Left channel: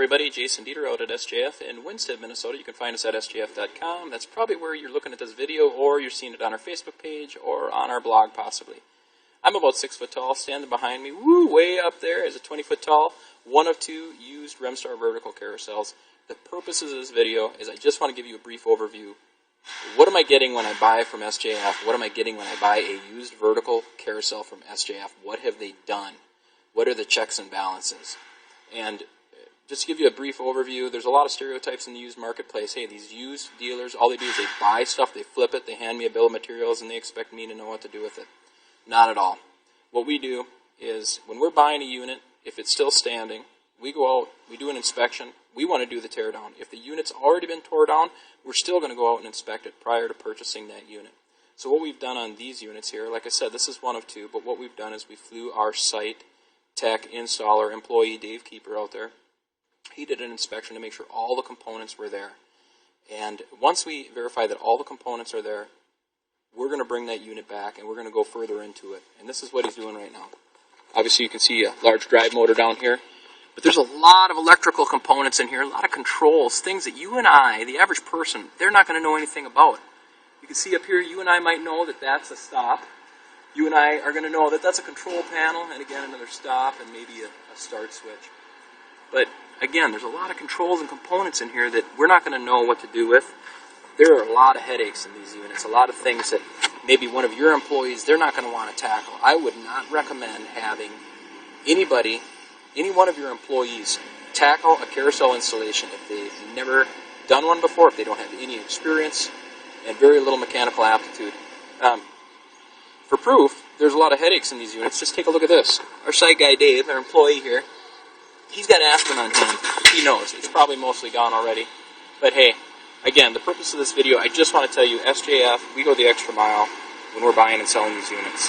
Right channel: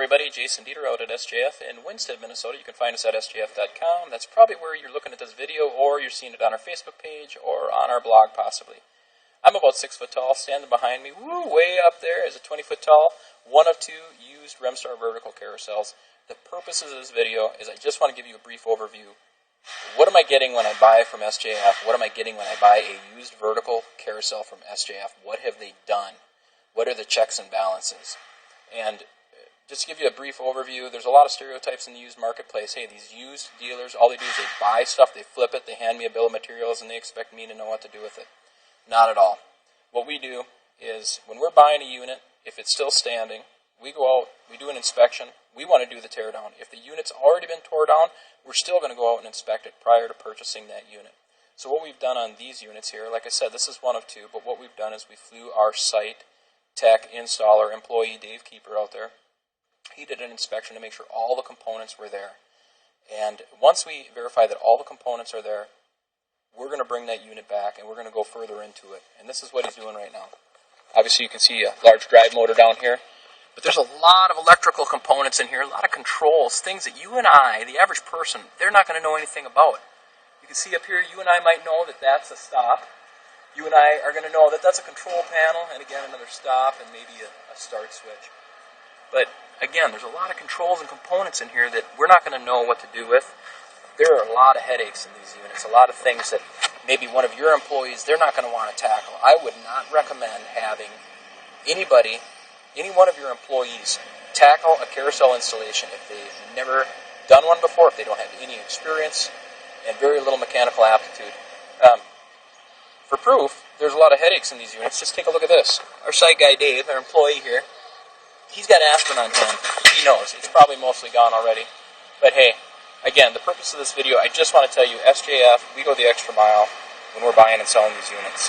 everybody, Jason Deiter out at SJF in Winsted, Minnesota. You can find us at sjf.com. That's probably where you're looking at this video, or you're seeing it on our Facebook page or on our blog possibly. I'm about 6 foot tall. Standing behind me, way up there, is a 20 foot tall, one of two used Remstar vertical carousels. The purposes of this video is I just want to give you a brief overview. What am I getting when I buy from SJF? What am I getting when I buy a used vertical carousel from SJF? What have they done? What are the checks and balances? And just to give you a brief overview, there's a lot of stereotypes in the used marketplace. Hey, these used dealers, all they do is they buy stuff, they flip it, they hand me a bill of materials, and they expect me to know what to do with it. Not at all. What we do is when we're buying a unit, if it's still standing, we go out, we do an inspection. We want to do the tear down. If the unit's already been tore down, we're still going to go out and inspect it prior to purchasing that unit. So what we've done on these units here, like I said, this is one of two, but what we've done is we flew our site tech, installer, employee, Dave Keeper out there. He did an inspection to make sure all the components were there. And once we verify that all the components are there, we're going to bring that unit back and we're going to go further into it. And this is what he's doing right now. Obviously you can see a large drive motor down here. But there's a lot of electrical components in here, a lot of controls, things that you and I, the average person, they're not going to know anything about. You can see up here, you and I might know that that's a stop. You and I are going to know that that's a control panel, and again, another stop, and maybe a start switch. But again, there's a lot of controls and components in here that we're not going to know what to do with. There are a lot of headaches in these units, a lot of things that maybe one of your employees, they're not going to want to tackle. I would not recommend having anybody, any one of your employees, tackle a carousel installation if they've never done one before, if they don't have any experience, and very little mechanical aptitude. For proof, there's a lot of headaches in these units. Just take a look at this. Our site guy, Dave, our employee here, he's got aspirin on hand. He knows. It's probably mostly gone already. But hey, again, the purpose of this video, I just want to tell you, SJF, we go the extra mile when we're buying and selling these units.